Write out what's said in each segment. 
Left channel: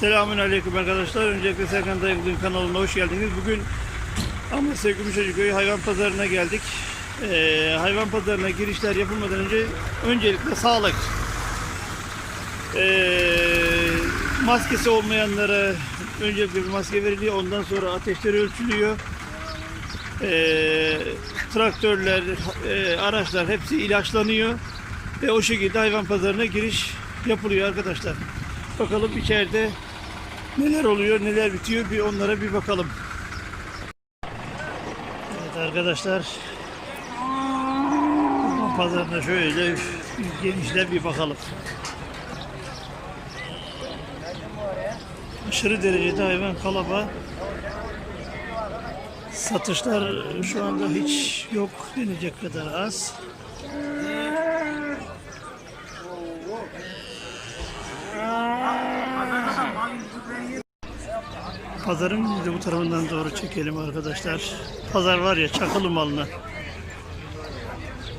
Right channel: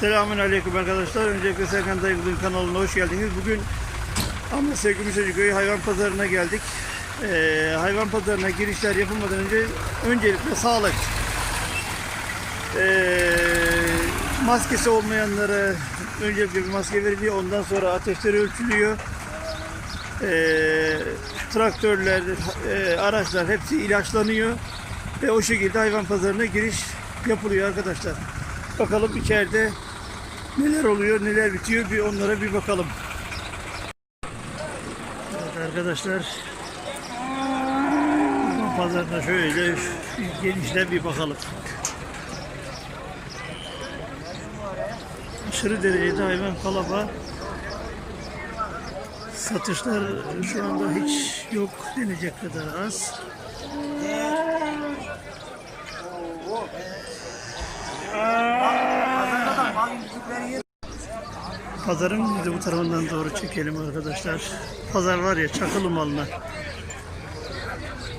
Selamun Aleyküm arkadaşlar. Öncelikle Serkan Dayıklı'nın kanalına hoş geldiniz. Bugün Amasya Gümüşhacıköy hayvan pazarına geldik. Ee, hayvan pazarına girişler yapılmadan önce öncelikle sağlık. Ee, maskesi olmayanlara öncelikle bir maske veriliyor. Ondan sonra ateşleri ölçülüyor. Ee, traktörler, e, araçlar hepsi ilaçlanıyor. Ve o şekilde hayvan pazarına giriş yapılıyor arkadaşlar. Bakalım içeride neler oluyor, neler bitiyor bir onlara bir bakalım. Evet arkadaşlar. Hayvan pazarına şöyle genişten bir bakalım. Aşırı derecede hayvan kalabalık. Satışlar şu anda hiç yok denecek kadar az. Pazarın bir de bu tarafından doğru çekelim arkadaşlar. Pazar var ya çakılı mallar.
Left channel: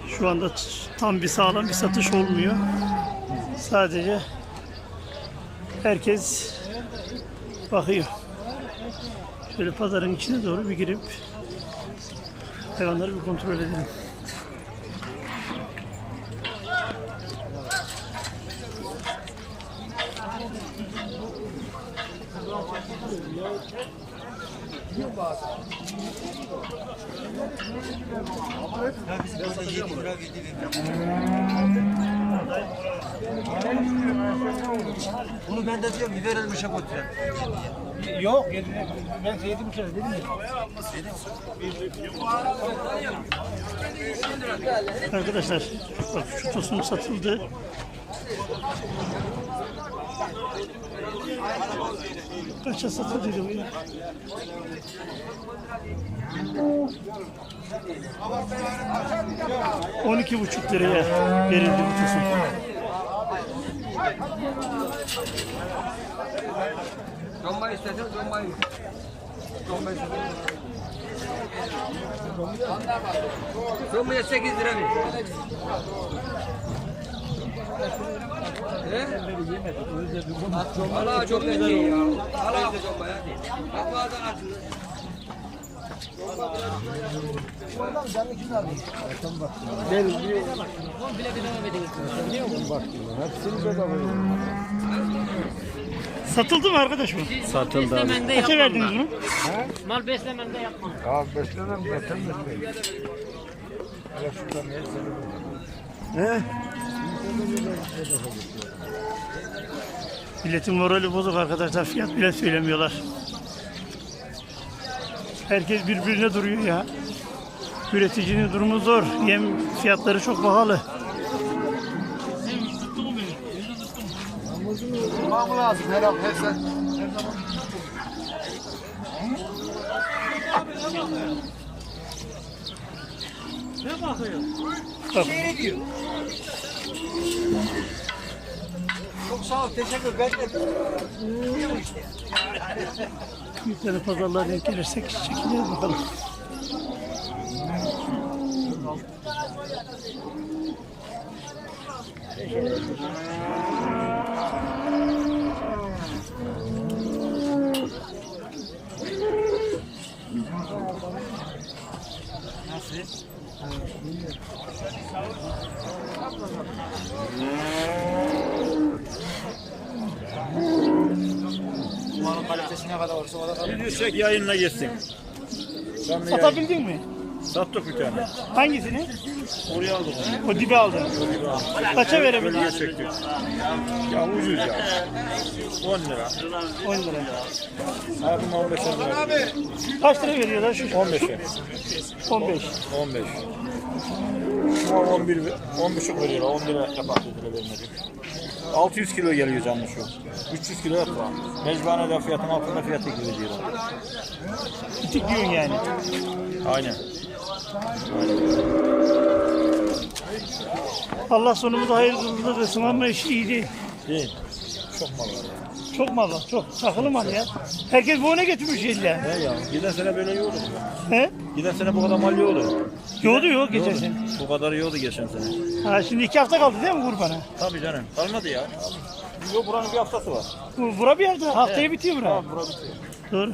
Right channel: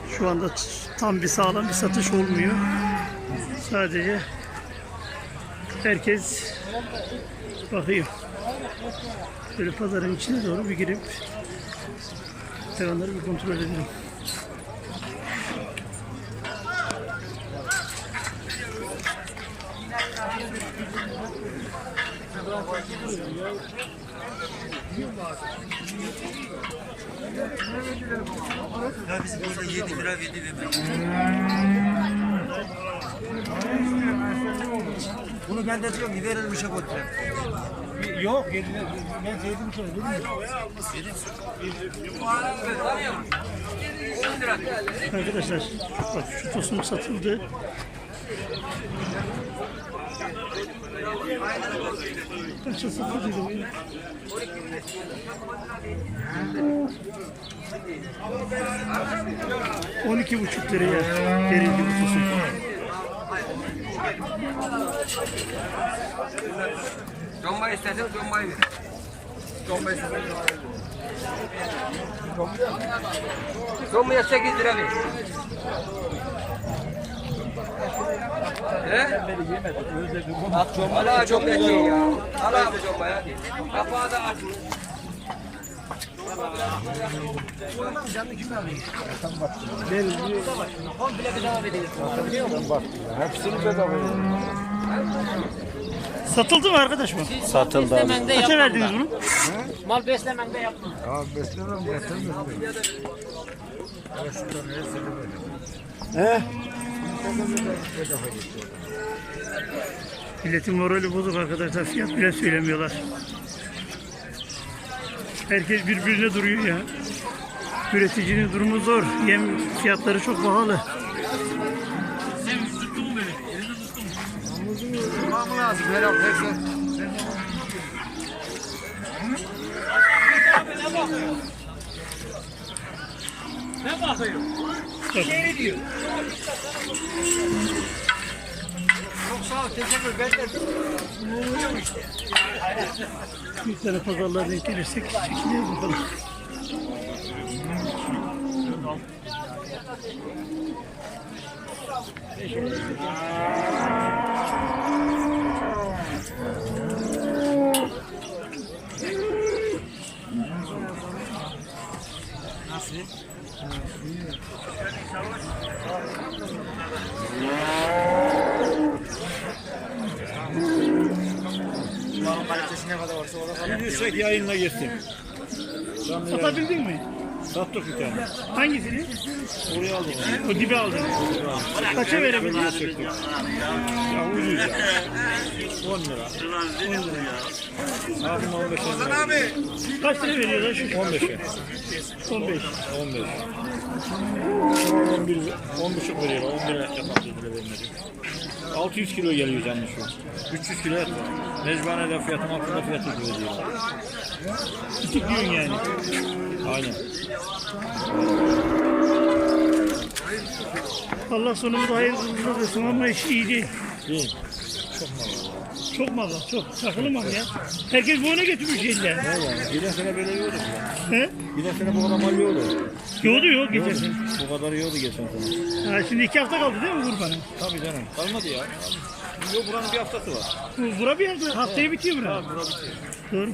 Şu anda tam bir sağlam bir satış olmuyor. Sadece herkes bakıyor. Böyle pazarın içine doğru bir girip hayvanları bir kontrol edelim. Ya biz burada 7 lira dedi demek. Bunu ben de diyorum gider ölmüşe götüreyim. Yok, ben sevdim seni dedim Arkadaşlar bak şu tosun satıldı. Kaça satıldıydı bu ya? On iki buçuk liraya verildi bu tosun. Comba istersen combayı ver. Comba istersen combayı ver. Combaya 8 lira ver. He? Valla çok etli ya. Al abi combaya. Kapağı da açın. Satıldı mı arkadaş bu? Satıldı. Kaça verdiniz bunu? Mal beslemende yapma. Ya beslenem beslenem. Milletin morali bozuk arkadaşlar. Fiyat bile söylemiyorlar. Herkes birbirine duruyor ya. Üreticinin durumu zor. Yem fiyatları çok pahalı. Tamam lazım. Her hafta Bak, Çok sağ ol. Teşekkür ederim. bir tane pazarlığa denk gelirsek çekiliriz bakalım. Yüksek yayınla geçsin. Satabildin mi? Sattık bir tane. Hangisini? Oraya aldık. O gibi aldın. Kaça verebildin? Çektik. Ya ucuz ya. 10 lira. 10 lira. Abim 15 lira. Kaç lira veriyorlar şu? 15 lira. 15. 15. Şu an 11, 10 buçuk veriyor. 11 lira vermedi. 600 kilo geliyor şu. 300 kilo et var. Mecbanede fiyatın altında fiyatı gibi diyorlar. İki diyorsun yani. Aynen. Allah sonumuzu hayırlı versin ama iş iyi değil. Değil. Çok mal. Çok mal var, çok. Sakılı mal ya. Herkes bu ona getirmiş yani. Giden sene böyle yiyordu. He? Giden sene bu kadar mal yiyordu. Yoğdu yok geçen sene. Bu kadar yiyordu geçen sene. Ha, şimdi iki hafta kaldı değil mi kurbana? Tabii canım. Kalmadı ya. Yok buranın bir haftası var. Bu bura bir yerde. Haftaya bitiyor bura. Tamam bura bitiyor. Doğru.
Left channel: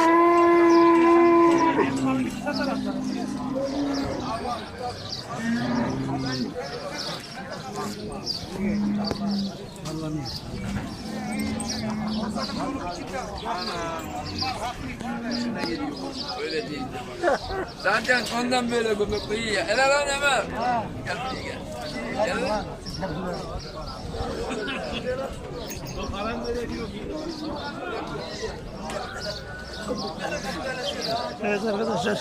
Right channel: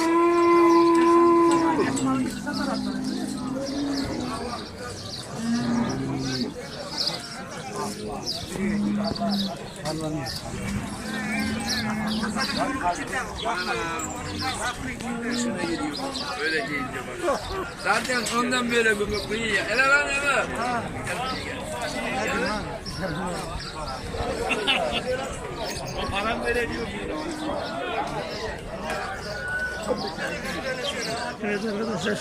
Zaten ondan beri bu iyi. Helal lan Emre. Evet arkadaşlar.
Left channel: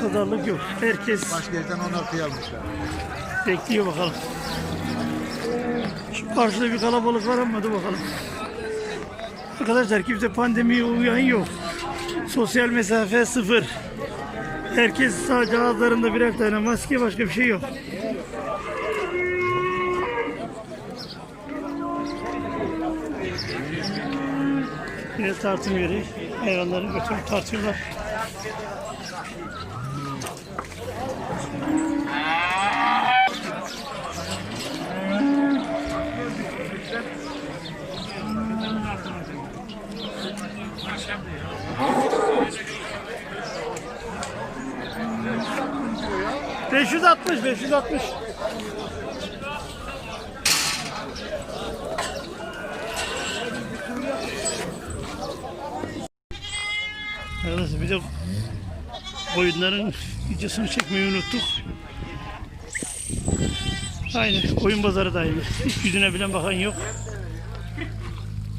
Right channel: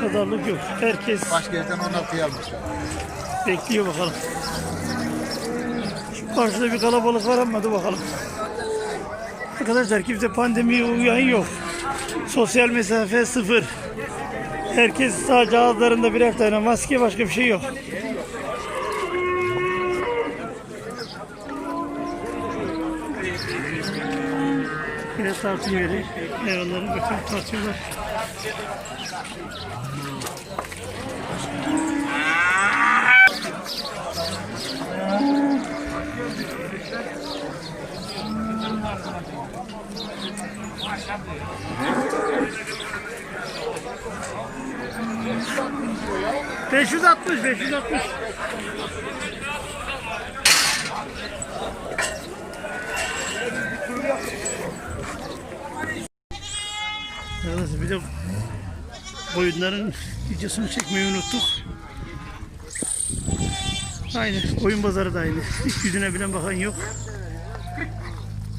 Pazarlık yok. Herkes Başka yerden onlar kıyalım. bekliyor bakalım. Şu karşıda bir kalabalık var ama hadi bakalım. Arkadaşlar kimse pandemiye uyan yok. Sosyal mesafe sıfır. Herkes sadece ağızlarında birer tane maske başka bir şey yok. Yine tartım yeri. Hayvanları götürüp tartıyorlar. Beş yüz altmış, beş yüz altmış. Arkadaşlar bir de koyunların videosunu çekmeyi unuttuk. Aynı koyun pazarı da aynı. Hiç yüzüne bilen bakan yok.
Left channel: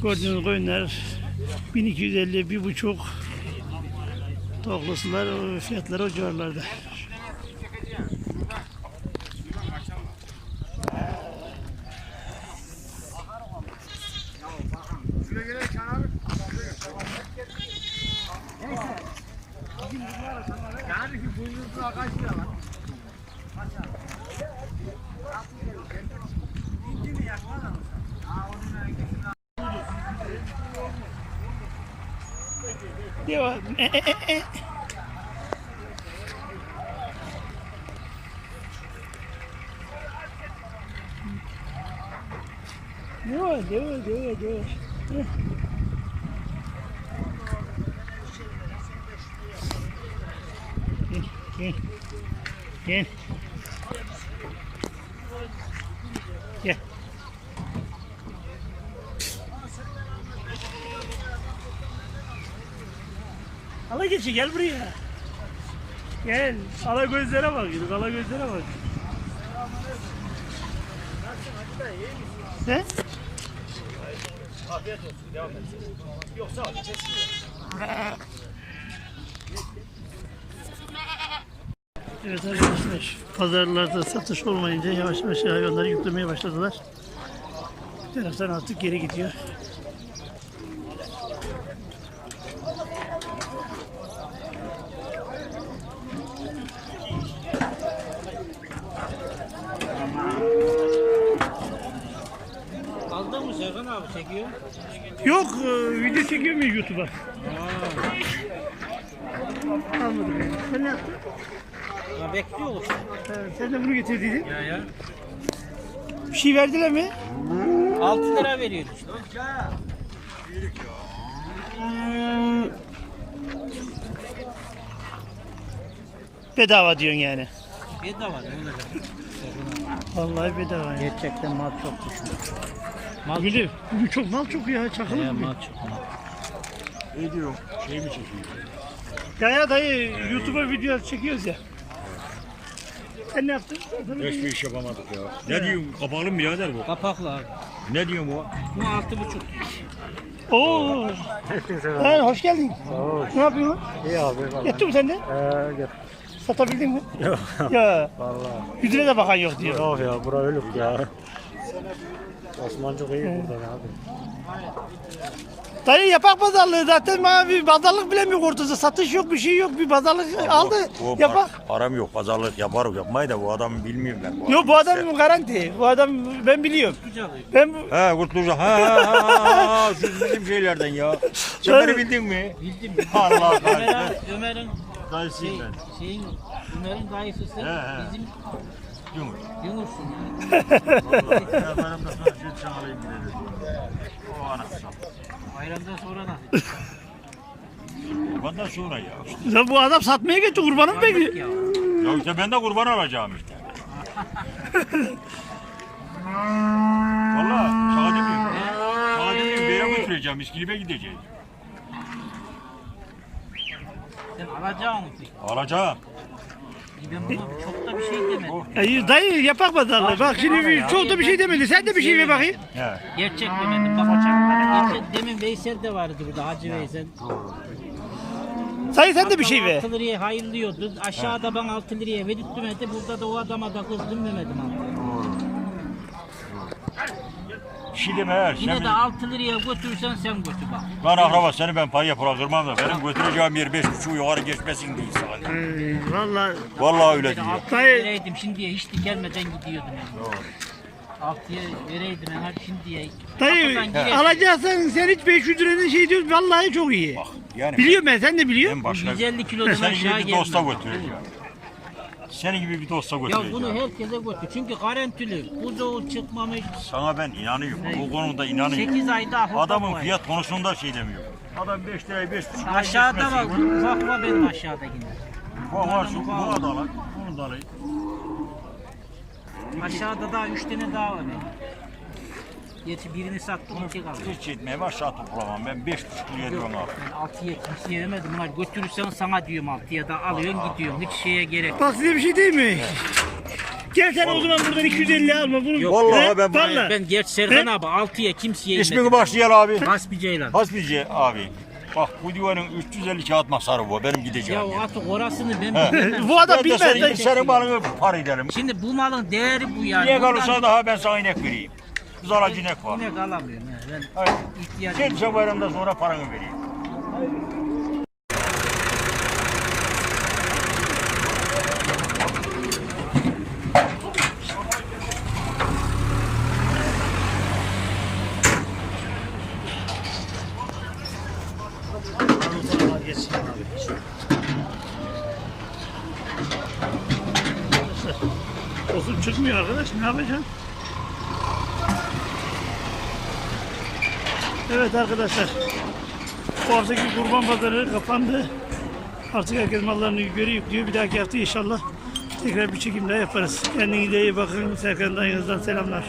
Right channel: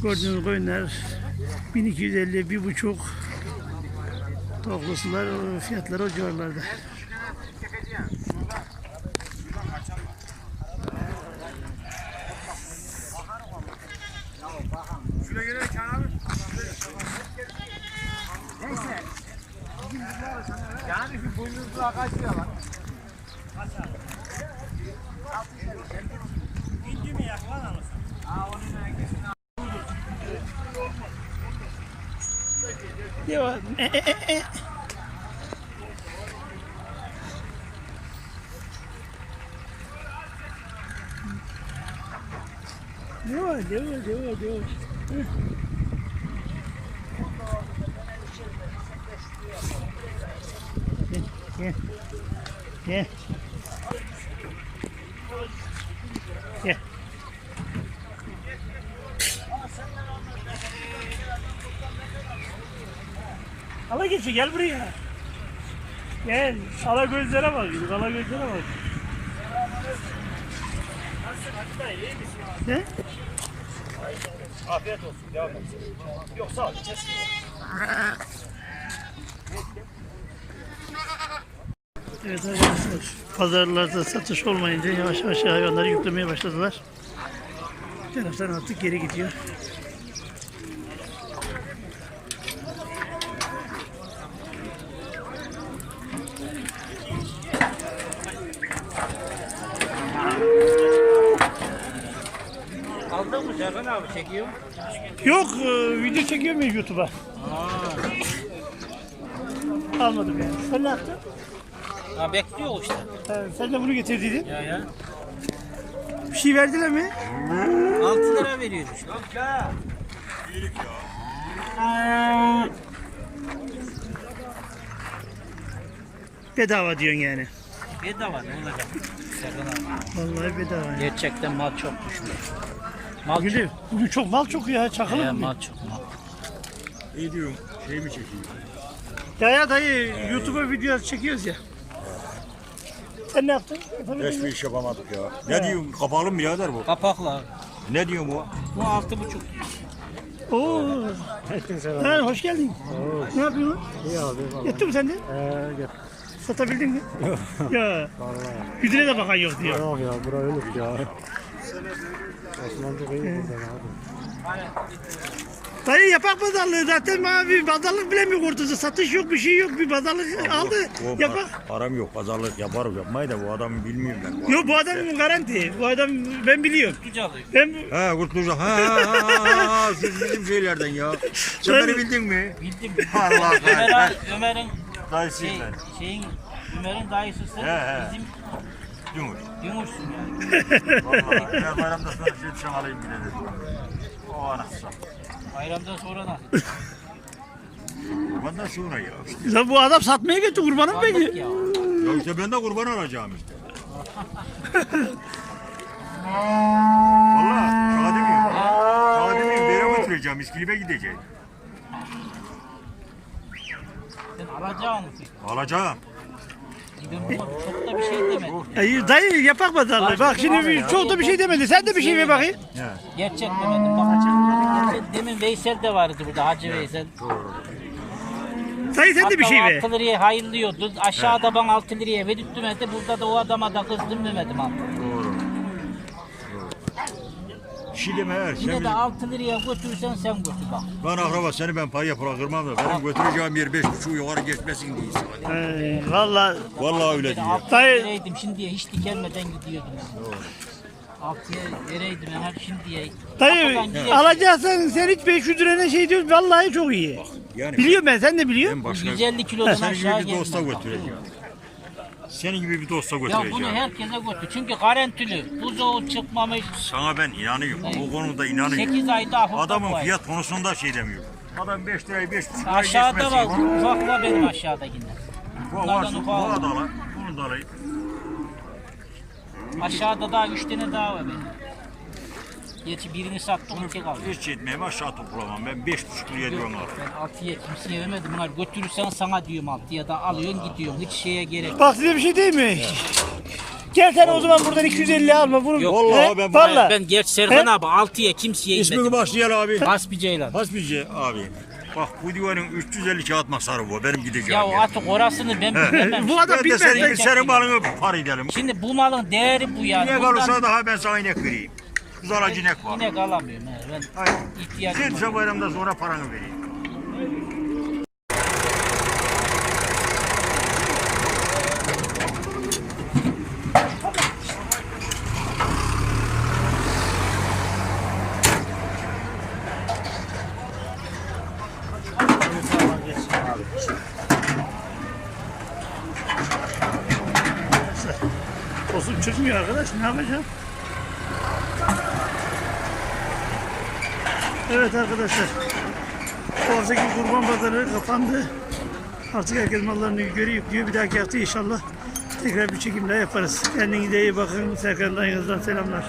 Gördüğünüz koyunlar 1250 bir buçuk Toklusular o fiyatlar o civarlarda. Şuraya gerek abi. Yani şu boynuzluğa kaç lira var? İnci mi yak lan alırsan? Aa onun hangisini Devam. E, e, e, e. Devam, devam, devam, devam. Heh. Gel, gel. Gel. Ala geçi gel buraya. Gel. Ala gözlere bak. Ala gözlere bak. Ne? Afiyet olsun. Devam et. Yoksa abi Evet arkadaşlar. Pazarlarda satış olmayınca yavaş yavaş hayvanları yüklemeye başladılar. Bir taraftan artık geri gidiyor. Aldın mı Serkan abi çekiyor? Yok e, video çekiyor muyum YouTube'a? Almadım yani. Sen ne yaptın? Ya bekliyor işte. Ha, sen de bunu getirdiydin. Ya ya. Bir şey verdiler mi? 6 lira veriyordu işte. Bedava diyorsun yani. Bedava ne olacak? Serkan abi. Vallahi bedava yani. Gerçekten mal çok düşmüş. Mal de- bugün çok mal çok ya. Çakılı çok. bugün. Mal çok. Ne diyorum? Şey mi çekiyor? Ya ya dayı YouTube'a video çekiyoruz ya. Sen ne yaptın? Hiçbir iş yapamadık ya. Ne diyorsun? Kapalı mı birader bu? Kapaklı abi. Ne diyorsun bu? Bu altı buçuk. Oo. Ha, hoş geldin. Ne yapıyorsun? İyi abi. Yetti mi sende? Satabildin mi? ya. Yüzüne de bakan yok diyor. Yok ya bura ölür ya. Dayı yapak pazarlığı zaten abi pazarlık bile mi ortada satış yok bir şey yok bir pazarlık aldı Bu yapak. par- Param yok, pazarlık yaparım yapmayı da bu adamı bilmiyorum ben. Yok bu adam garanti bu adam ben biliyorum. Ben bu- Ha kurtulacak. Ha ha ha ha şu bizim şeylerden ya. Sen beni bildin mi? Bildim. Allah Ömer Allah. abi, Ömer'in Dayısıyım şey, ben. şeyin Ömer'in dayısı sen He, he. bizim Yumur. Yunus'sun yani. Vallahi. Ben bayramda sonra şey dışarı alayım bile dedim. O anasını. Bayramdan sonra nasıl? Ondan sonra ya. Ya bu adam satmaya gitti kurbanı mı peki? ya. Ya işte ben de kurban alacağım işte. Demeyeyim. Şaka demeyeyim. Bir yere götüreceğim. İskilip'e gideceğim. Sen alacağın mı peki? Alacağım. Ben buna çok da bir şey demedim. Dayı, dayı yapak pazarlığı bak şimdi bir- çok da bir şey demedi sen de bir şey ver bakayım. Gerçek demedim. Bak, gerçek, demin Veysel de vardı burada Hacı Veysel. Dayı sen de bir şey ver. 6 liraya hayırlıyordu. Aşağıda ben 6 liraya verip demedi. Burada da o adama da kızdım demedim abi. Doğru. Şimdi meğer Yine sen de 6 liraya götürürsen sen götür bak. ben akraba seni ben paraya bırakırmam da benim götüreceğim yer beş buçuk yukarı geçmesin diye sana. Ee, Valla Vallahi öyle Bir diyor. 6 Dayı- şimdiye hiç dikelmeden gidiyordum. Yani. 6'ya vereydim hep şimdiye. dayı Kapıdan gireyim. alacaksan sen hiç 500 liraya şey diyorsun vallahi çok iyi. Yani Biliyorum ben sen de biliyorsun. ben başka 150 kilodan aşağı gibi bir dosta gelmez. götüreceğim. Senin gibi bir dosta Ya götüreceğim. bunu herkese götür. Çünkü garantili. Buzoğu çıkmamış. Sana ben inanıyorum. O konuda inanıyorum. 8 ay daha hurda Adamın koy. fiyat konusunda şey demiyor. Adam 5 lirayı 5 buçuk liraya Aşağıda var. geçmesin. Ufakla benim aşağıdakiler. Bu var, Bunlardan bu ufak. da alın. Bunu da alayım. Aşağıda daha 3 tane daha var benim. Geçi birini sattım iki kaldı. Hiç etmeye bak şart toplamam. Ben 5 buçuk liraya Yok, diyorum abi. ben 6'ya kimseye vermedim. Bunlar götürürsen sana diyorum 6'ya da alıyorsun gidiyorsun. Hiç şeye gerek yok. Bak size bir şey değil mi? Gel sen o zaman buradan 250 alma bunu. Yok, vallahi He? ben- Vallahi. Ben geç Serkan abi 6'ya kimseye İsmini inmedim. başlayalım abi. Hasbi Ceylan. Hasbici abi. Bak bu divanın 350 kağıt masarı bu. Benim gideceğim. Ya o artık orasını ben bilmem. Bu adam Ben de bilmez. senin, senin balını par edelim. Şimdi bu malın değeri bu yani. Niye Buradan kalırsa daha ben sana inek vereyim. Kızaracı inek var. inek alamıyorum. he. Ben Hayır. ihtiyacım var. Gelirse bayramda sonra paranı. Arkadaşlar. Tosun çıkmıyor arkadaş ne yapacağım? Evet arkadaşlar. Bu haftaki kurban pazarı kapandı. Artık herkes mallarını yukarı yüklüyor. Bir dahaki hafta inşallah tekrar bir çekim daha yaparız. Kendinize iyi bakın. Serkan dayınızdan selamlar.